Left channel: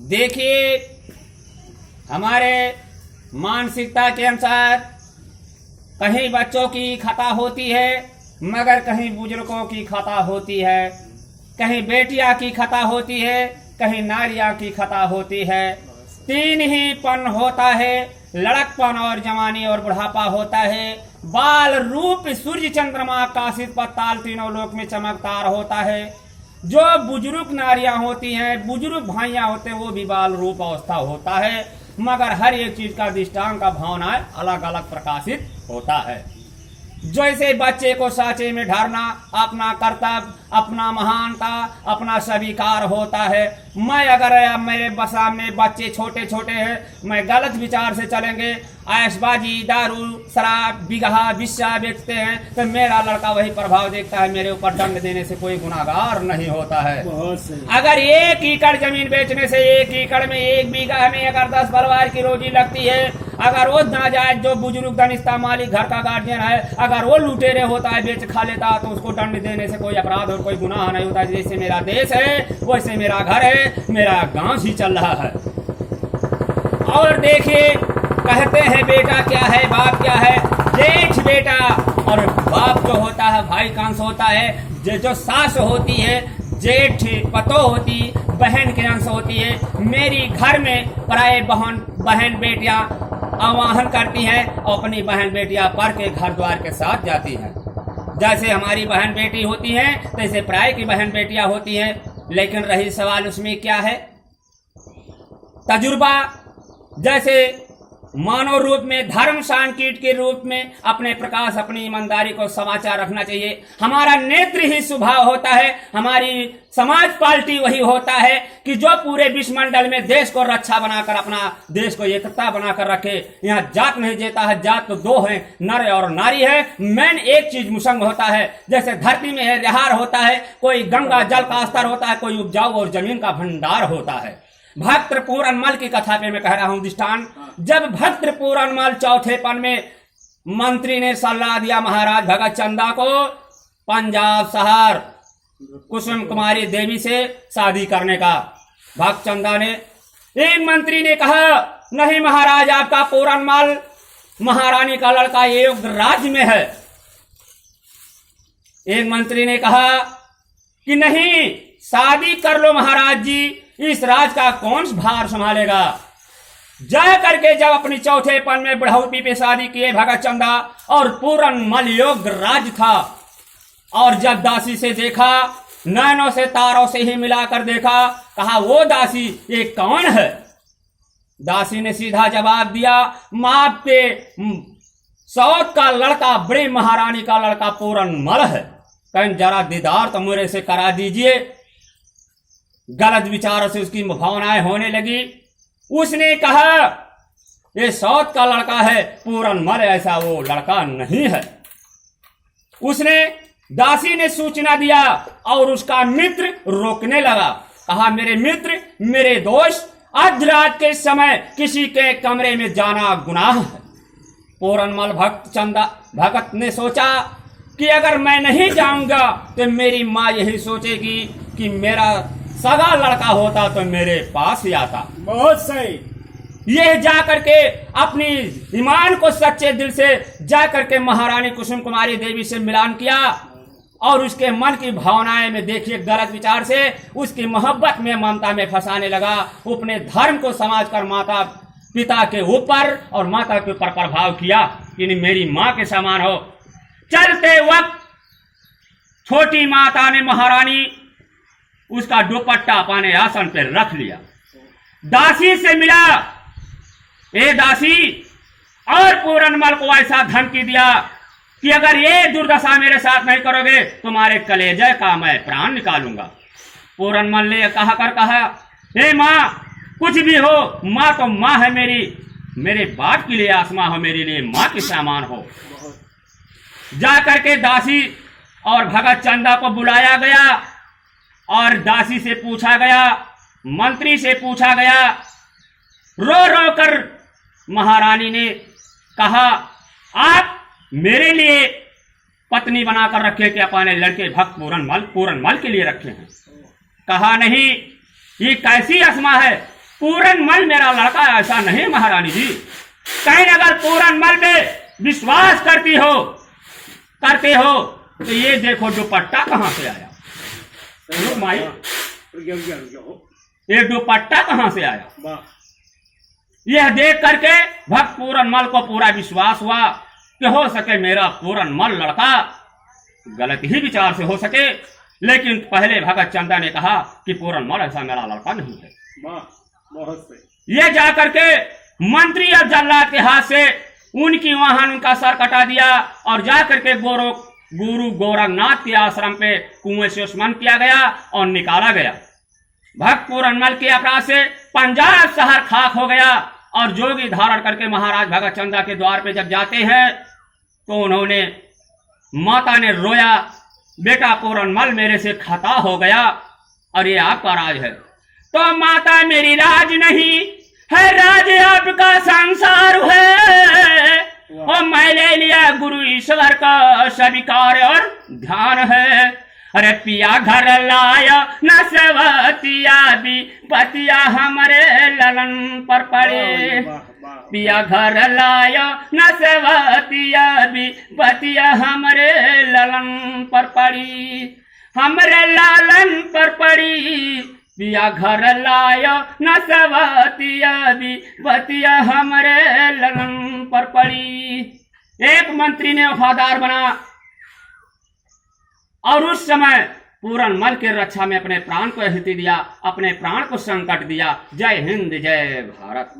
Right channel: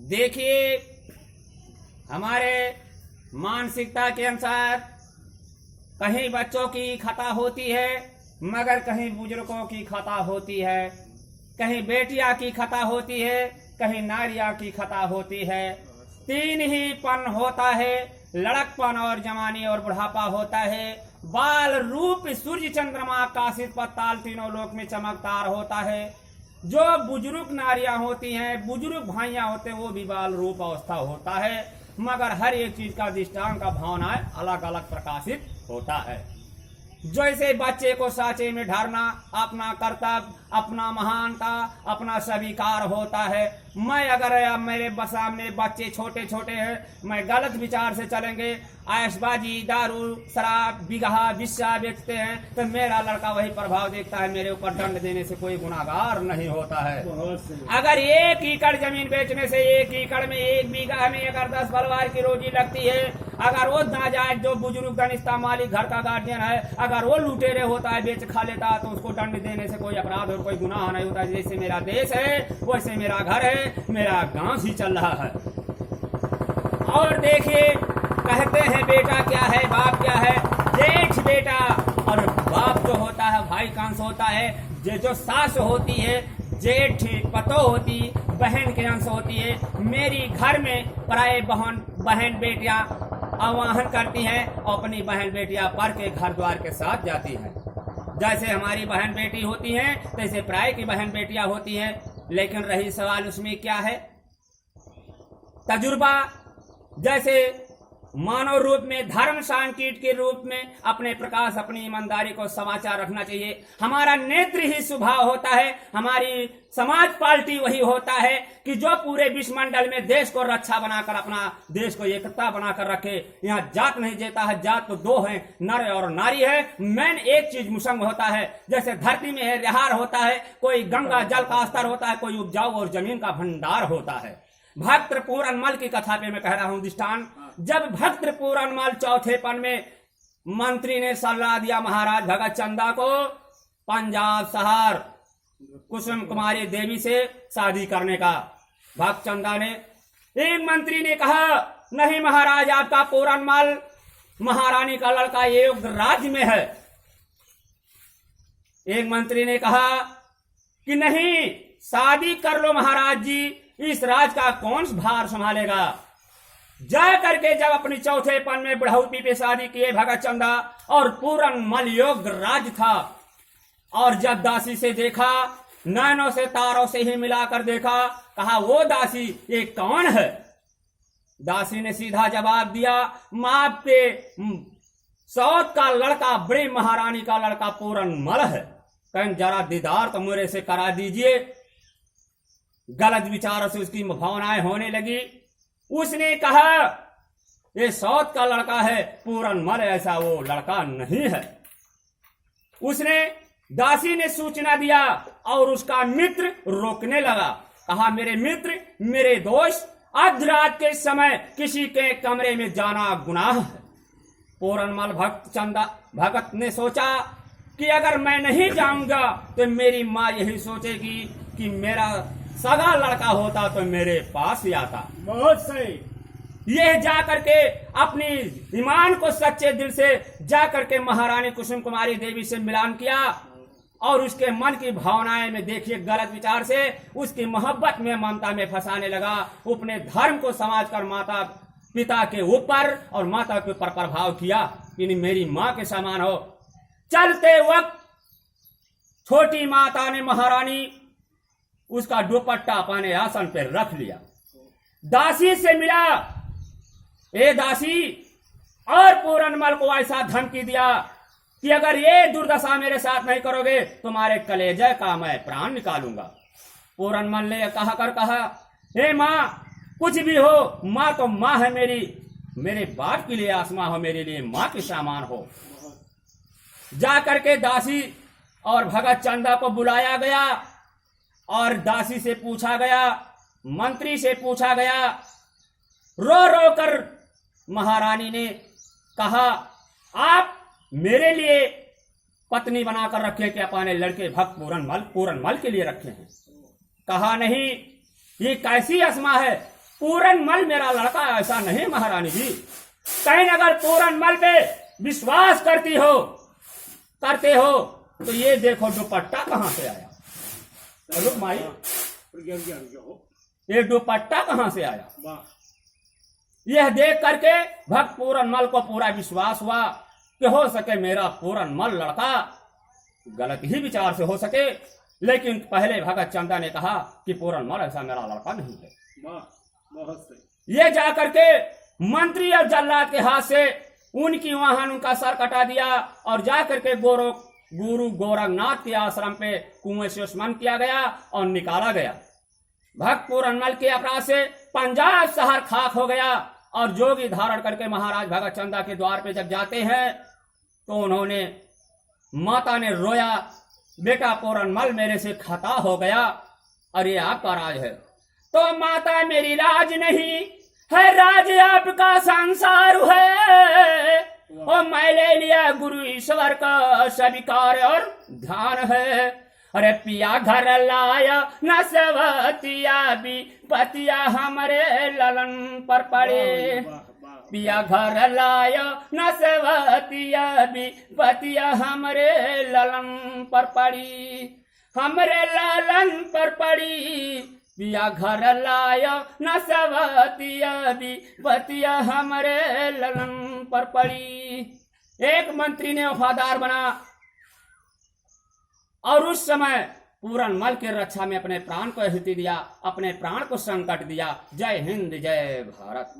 देखिए, हमारे मानसिकता के अनुसार कहीं बच्चों की खता होती है मगर कहीं बुजुर्गों की खता होती है, कहीं बेटियां की खता होती है, कहीं नारियां की खता होती है। तीन ही पन होता है, लड़कपन और जवानी और बुढ़ापा होता है। बाल रूप सूर्य चंद्रमा आकाशित पताल तीनों लोक में चमकदार होता है। जो बुजुर्ग नारियां होती हैं, बुजुर्ग भाइयां होते हैं, वो भी बाल रूप अवस्था होता है, मगर हर एक चीज का दृष्टांत का भावनाएं अलग अलग प्रकाशित होता है। जैसे बच्चे को साँचे में ढारना अपना कर्तव्य, अपना महानता, अपना स्वीकार होता है। मैं अगर मेरे सामने बच्चे छोटे छोटे हैं, मैं गलत विचार से चलेंगे, ऐशबाजी, दारू, शराब, बिगहा, विस्या बेचते हैं, तो मेरा लड़का वही प्रभाव देखता है, मेरे ऊपर दंड देने से कोई गुनाहगार नहीं होता है। अगर 1 एकड़ जमीन बेचने से 1 एकड़ में 1 बीघा में अगर 10 परिवार की रोजी लगती है, अगर वो नाजायज जो बुजुर्ग दनिस्ता मालिक घर का गार्जियन है, अगर वो लुटेरे होता है, बेच खा लेता है, तो उसको दंड देने से कोई अपराध और कोई गुनाह नहीं होता। जैसे मेरा देश है वैसे मेरा घर है, मेरा गांव ही चल रहा है। और देखिए, कहते हैं बेटा क्या है बाप क्या है, जेठ बेटा और बाप जो होता है भाई का अंश होता है। जो सास होती है जेठ पतो होती, बहन के अंश होती है। मेरी घर में प्राय बहन बेटियां आवाहन करती हैं और अपनी बहन बेटियां पढ़ के घर द्वार के साथ जाती हैं। जैसे हमारी बहन बेटी होती हैं तैसे प्राय की बहन बेटियां होती हैं। लेकिन रही सवाल उसमें क्या है, तजुर्बा। जैसे मानव रूप में, धर्म सांकीट के रूप में अपने प्रकाश, अपनी ईमानदारी को समाचार रखना चाहिए। हमारा नेत्र ही स्वभाव होता है, हमारी समाज पार्टी वही होता है कि जो पूरे विश्वमंडल में देश को रक्षा बनाकर, अपना देश को एकता बनाकर रखे। यहाँ जात नहीं जेता है, जात तो 2 है, नर और नारी है। मैन एक चीज मुसंग होता है। जैसे धरती में है रिहार होता है, कोई गंगा जल का स्तर होता है, कोई उपजाऊ और जमीन का भंडार होता है। भक्त पूरनमल की कथा पे मैं कह रहा हूं दृष्टांत। जब भक्त पूरनमल चौथे पन में मंत्री ने सलाह दिया महाराज भगत चंदा को पंजाब शहर कुसुम कुमारी देवी से शादी करने का, भक्त चंदा ने, एक मंत्री ने कहा नहीं महाराज, आपका पूरनमल महारानी का लड़का एक राज्य में है। एक मंत्री ने कहा कि नहीं, शादी कर लो महाराज जी, इस राज का कौन भार संभालेगा। जा करके जब अपनी चौथे पन में बुढ़ौती पे शादी किए भगत चंदा, और पूरनमल योग्य राज था। और जब दासी से देखा, नैनों से तारों से ही मिलाकर देखा, कहा वो दासी ये कौन है। दासी ने सीधा जवाब दिया, मां पे सौत का लड़का, बड़ी महारानी का लड़का पूरनमल है, कहीं जरा दीदार तो मेरे से करा दीजिए। गलत विचारों से उसकी भावनाएं होने लगी। उसने कहा ये सौत का लड़का है, पूरनमल ऐसा वो लड़का नहीं है। उसने, दासी ने सूचना दिया और उसका मित्र रोकने लगा। कहा मेरे मित्र, मेरे दोस्त, आज रात के समय किसी के कमरे में जाना गुनाह है। पूरनमल भगत ने सोचा कि अगर मैं नहीं जाऊंगा तो मेरी माँ यही सोचेगी कि मेरा सगा लड़का होता तो मेरे पास ही आता। बहुत सही। यह जाकर के अपनी ईमान को सच्चे दिल से जाकर के महारानी कुसुम कुमारी देवी से मिलान किया, और उसके मन की भावनाएं में देखिए गलत विचार से उसकी मोहब्बत में, ममता में फंसाने लगा। अपने धर्म को समझकर माता पिता के ऊपर और माता के ऊपर प्रभाव किया कि मेरी माँ के समान हो। चलते वक्त छोटी माता ने, महारानी, उसका दुपट्टा अपने आसन पर रख लिया। दासी से मिला, ए दासी, और पूरनमल को ऐसा धमकी दिया कि अगर ये दुर्दशा मेरे साथ नहीं करोगे तुम्हारे कलेजे का मैं प्राण निकालूंगा। पूरनमल ने कहा हे माँ, कुछ भी हो, माँ तो माँ है मेरी, मेरे बाप के लिए आसमां हो, मेरे लिए माँ के समान हो। जा करके दासी और भगत चंदा को बुलाया गया और दासी से पूछा गया, मंत्री से पूछा गया। रो रो कर महारानी ने कहा आप मेरे लिए पत्नी बनाकर रखे कि अपने लड़के भक्त पूरनमल के लिए रखे हैं। कहा नहीं, ये कैसी असमा है? पूरनमल मेरा लड़का ऐसा नहीं महारानी जी। कहीं अगर पूरनमल पे विश्वास करते हो तो ये देखो दुपट्टा कहाँ से आया। रुक माई, ये दुपट्टा कहाँ से आया? यह देख करके भक्त पूरनमल को पूरा विश्वास हुआ कि हो सके मेरा पूरनमल लड़का गलत ही विचार से हो सके। लेकिन पहले भगत चंदा ने कहा कि पूरनमल ऐसा मेरा लड़का नहीं है। बहुत सही। ये जाकर के मंत्री और जल्लाद के हाथ से उनकी वाहन उनका सर कटा दिया और जाकर के गुरु गोरखनाथ के आश्रम पे कुएं से स्मरण किया गया और निकाला गया। भक्त पूरनमल के अपराध से पंजाब शहर खाक हो गया और जोगी धारण करके महाराज भगत चंदा के द्वार पे जब जाते हैं तो उन्होंने, माता ने रोया, बेटा पूरनमल मेरे से खता हो गया और ये आपका राज है। तो माता मेरी राज नहीं है, राज आपका संसार है और मैं ले लिया गुरु ईश्वर का स्वीकार और ध्यान है। अरे पिया घर लाया न सवतिया भी पतिया हमारे ललन पर पड़े। पिया घर लाया न सवतिया भी पतिया हमारे ललन पर पड़ी, हमरे लालन पर पड़ी। पिया घर लाया न सवतिया भी पतिया हमारे ललन पर पड़ी। एक मंत्री ने वफादार बना और उस समय पूरनमल की रक्षा में अपने प्राण को आहुति दिया, अपने प्राण को संकट दिया। जय हिंद, जय भारत।